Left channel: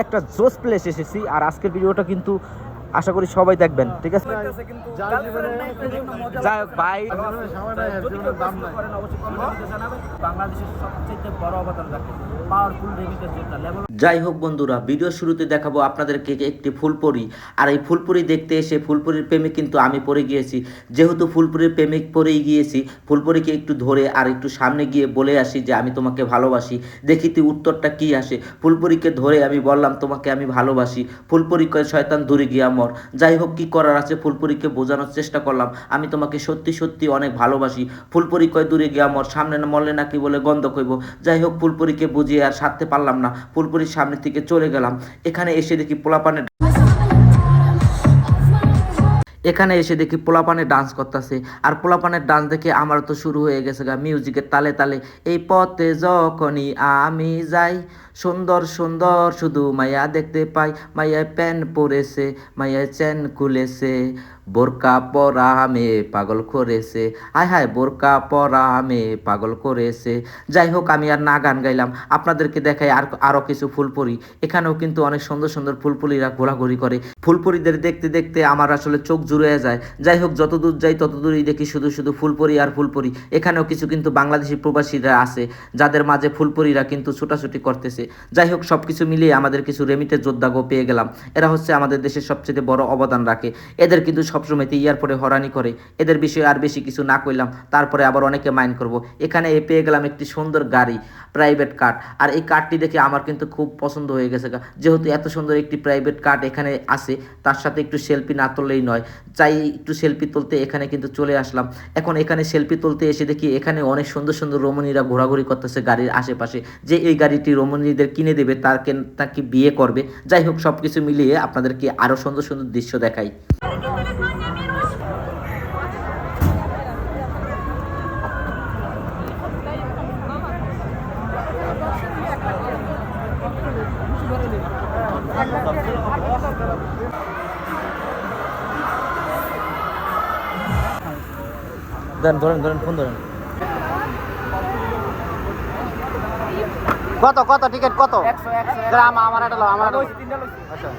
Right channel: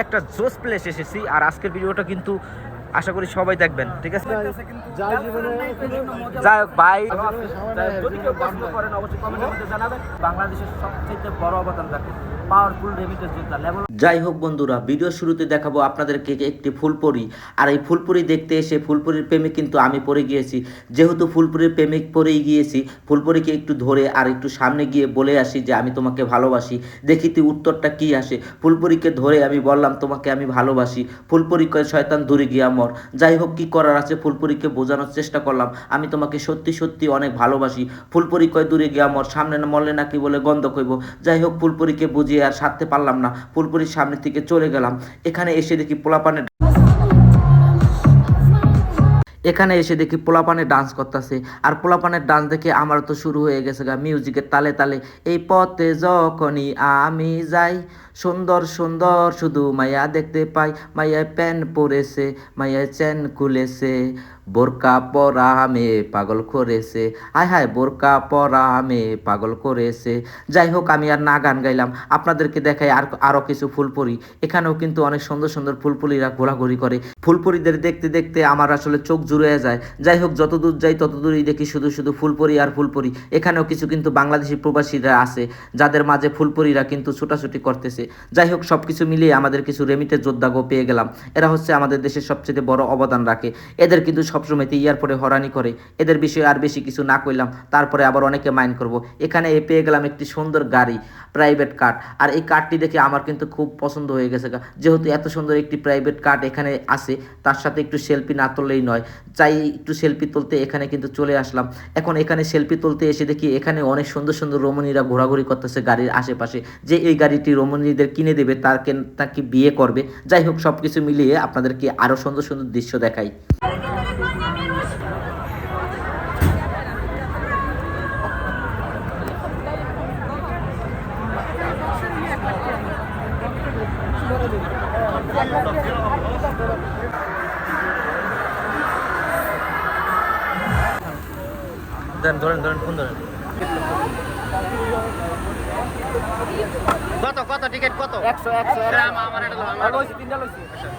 একটা জোস প্লেস এসেছি আর আজকের ভিডিওটা কিন্তু আশা করি সবাই দেখবেন ঠিক আছে? যাই হোক ভাই। যাই হোক বন্ধুরা ভিডিও শুরুতে দেখাবো আপনাদেরকে একটি ফুলপুরি। আর এই ফুলপুরি দেখতে এসে ফুলপুরির প্রেমে কিন্তু আমি পড়ে গিয়েছি। যেহেতু ফুলপুরির প্রেমিক পড়েই গিয়েছি ফুলপুরিকে একটু ধরে আর একটু সামনে গিয়ে বলে আসি যে আমি তোমাকে ভালোবাসি। দেখি তুই উত্তরটা কি আসে? ফুলপুরিকে ধরে আমি বললাম তোমাকে আমি ভালোবাসি। ফুলপুরি শয়তান দূরে গিয়া মর যাই হোক, কি করার আছে? ফুলপুরিকে বোঝানোর চেষ্টা করলাম। আমি তোমাকে সত্যি সত্যি অনেক ভালোবাসি। ফুলপুরি কয় দূরে গিয়ে মর সামনে না মরলে নাকি বলে গন্ধ কইব। যাই হোক, ফুলপুরিকে বুঝিয়ে আর সারতে পারলাম না। ফুলপরির সামনে থেকে চলে গেলাম। এখানে এসে দেখি পোলাপানের এখানে এসে দেখি পোলাপানে ডান্স করতেছে। আর পোলাপানের ডান্স দেখে আমার তো শুরু হয়ে গেছে গা মিউজিকের তালে তালে। এই পথে যখনই আমি যাই, সুন্দর সুন্দর শুধু মায়া দেখতে পাই। মায়ায় প্যান পরেছে মায়ায় চ্যান খুলেছে। বোরকা পরা আমে পাগল করেছে। হায় হায়, বোরকা পরা আমে পাগল করেছে। যাই হোক, আমি আর না গান গাইলাম। আপনাদেরকে দেখাই আর আরও কিছু ফুলপরি। এখানেও কিন্তু অনেক সুন্দর সুন্দর ফুলপুরিরা ঘোরাঘুরি করে। ফুলপুরিদের দেখতে দেখতে আমার আসলে চোখ জুড়ে যায়। যাই হোক যত দূর যাই তত দূরই দেখি শুধু শুধু ফুলপুরি আর ফুলপুরি। এখানেও কিছু কিন্তু বাংলাদেশি প্রবাসীরা আছে, যাদের মাঝে ফুলপুরিরা কিন্তু ছোটাছুটি করতেছে। যাই হোক সব কিছু মিলিয়ে আমাদের কিছু রেমিটে যোদ্ধাগো পেয়ে গেলাম। এরা হচ্ছে আমাদের দেশের সবচেয়ে বড় অবদান রাখে। এদের কিন্তু সবসময়তে ইয়ারপরে হরানি করে। এদের বিষয়ে আর বেশি কিছু না কইলাম। তারপরে আবার অনেকে মাইন্ড করব। এখানে পেয়ে গেলাম একটি সুন্দর গাড়ি প্রাইভেট কার আর এই কারটি দেখে আমার কিন্তু খুব পছন্দ হয়ে গেছে যেহেতু এত সুন্দর একটি প্রাইভেট কার এখানে আছে, তার সাথে একটু সেলফি না তুললেই নয়। চাই একটু সেলফি তুলতে এখানে কিন্তু চলে আসলাম। এখন এখানে সেলফি তুলতে এসে দেখি এখানে অনেক সুন্দর সুন্দর রমণীরা ঘোরাঘুরি করতেছে গাড়ির আশেপাশে। যে এই গাড়িটি রমণীদের কিনে দেবে তাকে তাকে বিয়ে করবে। যাই হোক সব কিছু মিলিয়ে আপনাদেরকে আরও সুন্দর সুন্দর দৃশ্য দেখাই। দেন ধরেন ধরেন ফোন ধরেন। কত কত টিকিট কত? একশো একশো গ্রাম আমার এটা লও, আমার তিনটা লইছি। আচ্ছা।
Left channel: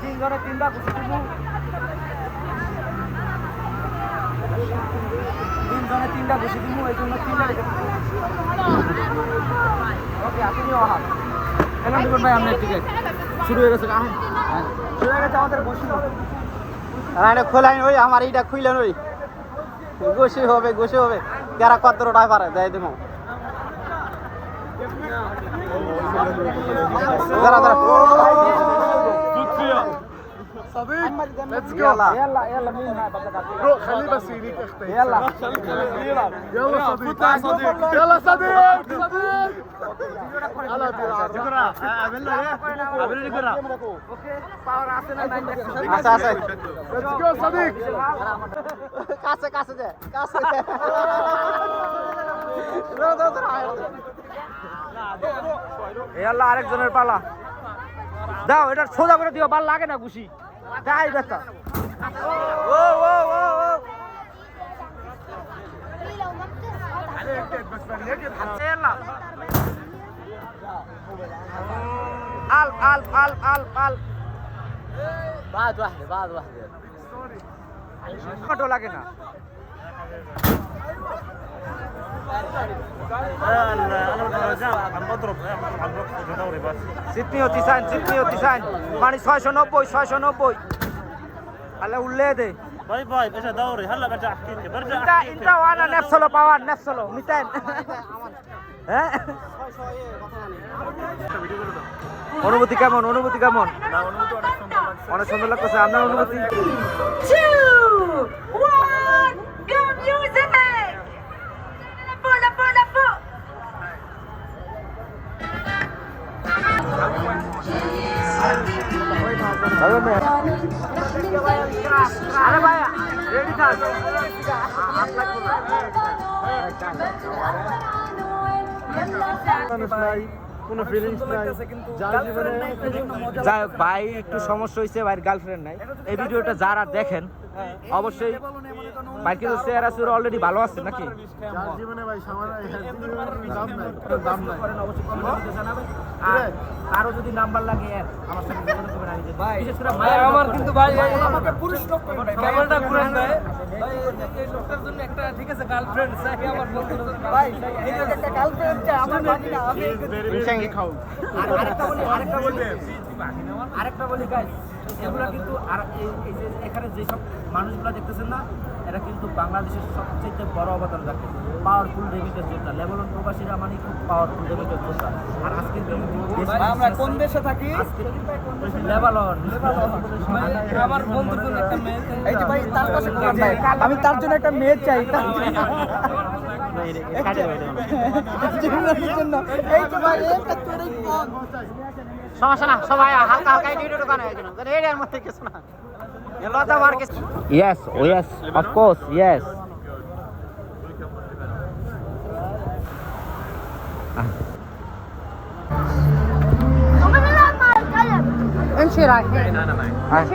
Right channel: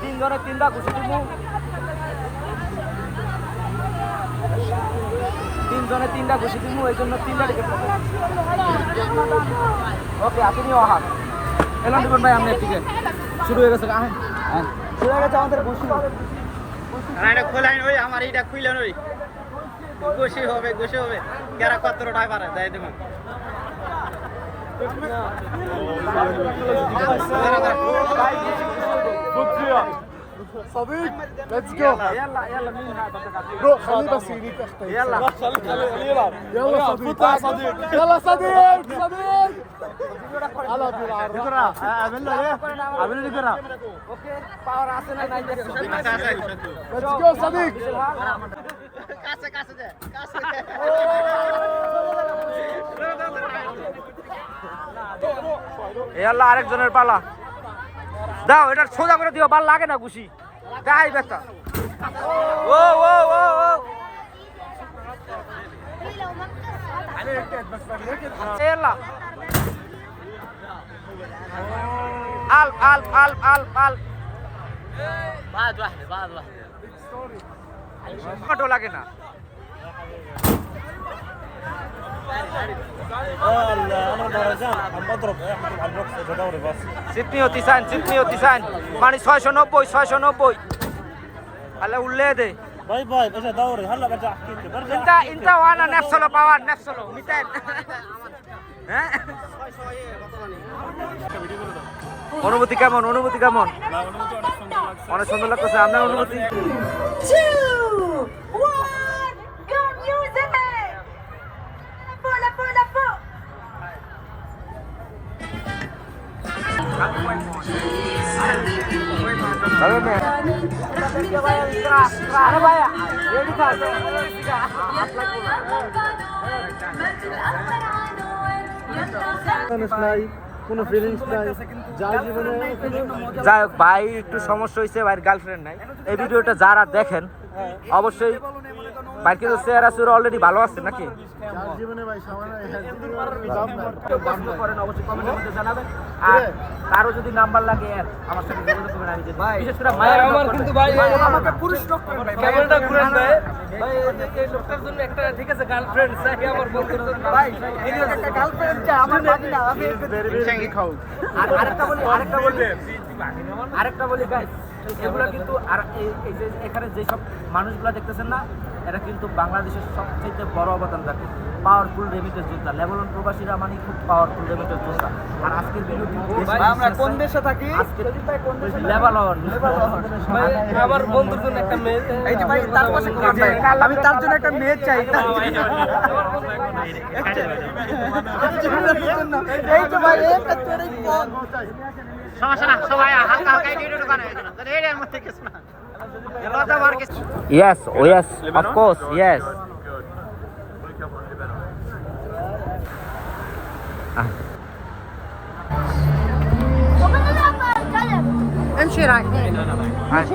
তিনজনে তিনটা ঘুষি দিব। তিনজনে তিনটা ঘুষি দিব এই জন্য তিনটা টিকিট ওকে আপনিও আহান এলাম দিবেন ভাই আপনার টিকিট। শুরু হয়ে গেছে আহেন। শুরু হয়ে গেছে আমাদের ঘুষি আর এটা খোলাইন ওই আমার এইটা খুইলেন ওই গোসি হবে গোসি হবে। যারা কত টাকা পারে দেয় দেবো। দাঁড়া দাঁড়া Let's go. يلا يلا مين هذا روح خليه بس يريك اختي يلا يلا صديق يلا صديق صديق على ডিকরা আবেল রে আবেল ডিকরা আচ্ছা আচ্ছা ليتس جو صديق কাছে কাছে দে কাছে দাঁড়া দাঁড়া দাঁড়া এই আল্লাহ আরেকজনের পালা দাও এটা সোজা করে দিও ভাল লাগে না ঘুষি গাই বেটা ও ও ও ও يلا ألف ألف ألف ألف ألف بعد واحدة بعد واحدة ফটো লাগে না সিডনি হতিসান সিডনি হতিসান মানে ছয়শো নব্বই ছয়শো নব্বই আলে উল্লে দে باي باي برجع دوري هلا برجع احكي لك برجع ইন্টা ইন্টা ওয়ানা নেপসলো পাওয়ার নেপসলো মিতেন হ্যাঁ অনুভূতি কেমন অনুভূতি কেমন না অনুমতি অনেক সুন্দর লাগছে অনেক সুন্দর লাগতেছে আপনার অনুভূতি যাই হোক ভাই একটু সমস্যা হয়েছে ভাইয়ের গার্লফ্রেন্ড নাই। এই ভিডিওটা যারা দেখেন অবশ্যই ভাই কিন্তু চেহারা চুরা অলরেডি ভালো আছে নাকি? আর কারও যদি নাম্বার লাগে আমার সাথে যোগাযোগ করবেন আমি দেব। বিশেষ করে মায়ের আমার কিন্তু ভাই আমাকে পুরুষ লোক করেন ভাই ভাই ক্যামেরাটা খুলে ভাই ভাই এই- এই লোকটার জন্য একটা ঠিক আছে গার্লফ্রেন্ড চাই আমার ভাই এই একটা গার্লফ্রেন্ড চাই আমার বাকি না আমি খাও আর আরেকটা বলি আরেকটা বলি। আরেকটা বলি গাইস এগুলা কিন্তু আর এখানে যেসব মানুষগুলা দেখতেছেন না এরা কিন্তু বাংলাদেশের সবচেয়ে বড় অবদান রাখে পাওয়ারফুল রেমিটেন্স যোদ্ধা। লেবানন প্রবাসীরা মানে খুব পাওয়ারফুল রেমিটেন্স যোদ্ধা। আর দেশ আমরা কোন দেশে থাকি? লেবানন। ভাই আমার বন্ধুর জন্য একটা মেয়ে এই যে ভাই তার পাশে আমি তার জন্য একটা মেয়ে চাই তার জন্য। এই তো ভাই একটা করেই কম। সমস্যা না সবাই হালকা হালকা একটু দোকানে একজন এরিয়ার মধ্যে কিছু না লতা বার কিছু Yes, oh yes, of course, yes. ومن الأعمال كلام امشي رايح Ah,